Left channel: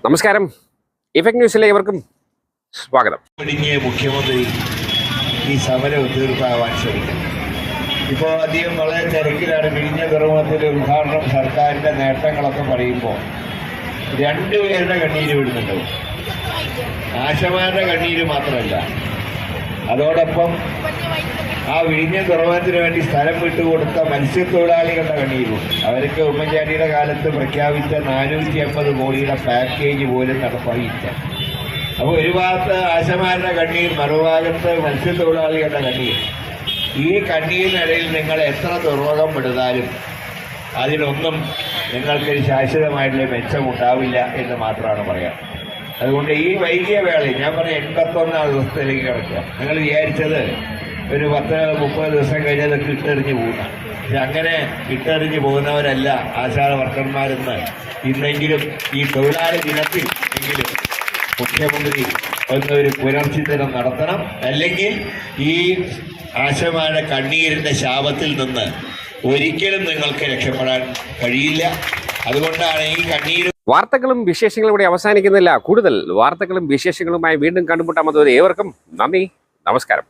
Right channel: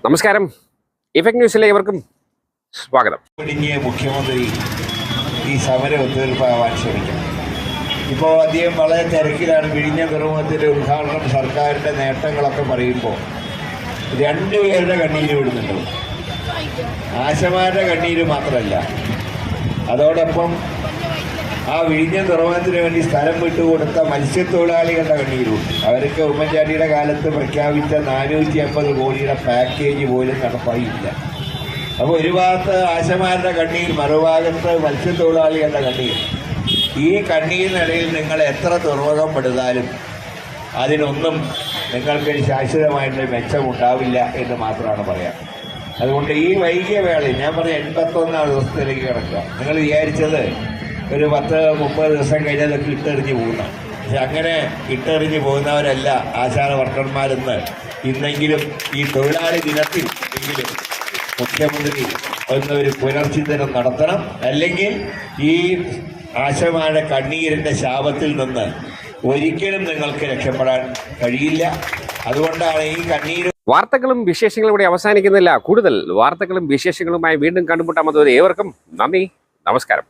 നമസ്കാരം. ഇഫക്ട് ന്യൂസിലെ ഇവർക്കും സ്വാഗതം. മുഖ്യമന്ത്രി ഈ സമരം ഒത്തുതീർപ്പാവാൻ ശ്രമിക്കുന്നു ഇപ്പോൾ അദ്ദേഹം വളരെ തിരക്കിലാണ് വിഴിഞ്ഞ തുറമുഖത്തിലെ ഉദ്ഘാടനം സർക്കാരിന്റെ നേട്ടങ്ങളൊക്കെ പറയുമ്പോൾ രണ്ടുപേരുടെ കണ്ണീര് വിടുന്നുണ്ട്. ആശമാരുടെ കണ്ണീര് മാത്രമല്ല. അതോടൊപ്പം ആ വിഴിഞ്ഞ തുറമുഖത്തിന് വേണ്ടി സ്ഥലം വിട്ടുകൊടുത്ത മത്സ്യത്തൊഴിലാളികളുടെ കണ്ണീരും. അവർക്ക് ഉമ്മൻചാണ്ടിയുടെ കാലത്ത് പ്രഖ്യാപിച്ച നാനൂറ്റി അമ്പത് കോടിയുടെ പാക്കേജ് പോലും നടപ്പായില്ല. അപ്പോൾ ഒരു ഭാഗത്ത് ആശമാരുടെ കണ്ണീർ മറുഭാഗത്ത് മത്സ്യത്തൊഴിലാളികളുടെ കണ്ണീർ. ഈ കണ്ണീരിനിടയിൽ നിങ്ങൾ എത്ര തുറമുഖം എടുത്താലും അതിനൊന്നും നിങ്ങൾക്ക് ശാശ്വതമായിട്ടുള്ള മെച്ചമുണ്ടാവില്ല എന്ന് മാത്രമാണ് പറയാം. അതുകൊണ്ട് ഈ വൈകിയ വേളയിൽ ഞാൻ പറയാം എൺപത്തൊന്നാം ദിവസത്തിലേക്ക് കിടക്കുക നിങ്ങൾ വിചാരിച്ചത് ഒരു പത്ത് മുപ്പത് ദിവസം കഴിഞ്ഞാൽ അത് ഇട്ടെറിഞ്ഞ് പോകുക അങ്ങനെ ഇട്ടെറിഞ്ഞ് പോകുന്നവരല്ല ആശാ വർക്കർമാരെന്ന് ഇന്നെങ്കിലും ഈ തൊഴിലാളി ദിനത്തിൽ എങ്കിലും മുഖ്യമന്ത്രി ഒന്ന് ഒരു പുനർചിന്തനം നടത്തണം. അല്ലെങ്കിൽ ഈ ആശമാരുടെ കണ്ണീരിന്റെ ശാപത്തിൽ നിന്ന് ഒരിക്കലും നിങ്ങൾക്ക് രക്ഷപ്പെടാൻ കഴിയില്ല. അതുകൊണ്ടാണ് ഈ കണ്ണീര് വാർത്തകളും വിശേഷങ്ങളും ഇവിടെ അവസാനിക്കുന്നില്ല. കൂടുതൽ വാർത്തകളും വിശേഷങ്ങളുമായി വീണ്ടും കണ്ടുമുട്ടാമത് ഏവർക്കും നന്ദി. നമസ്കാരം.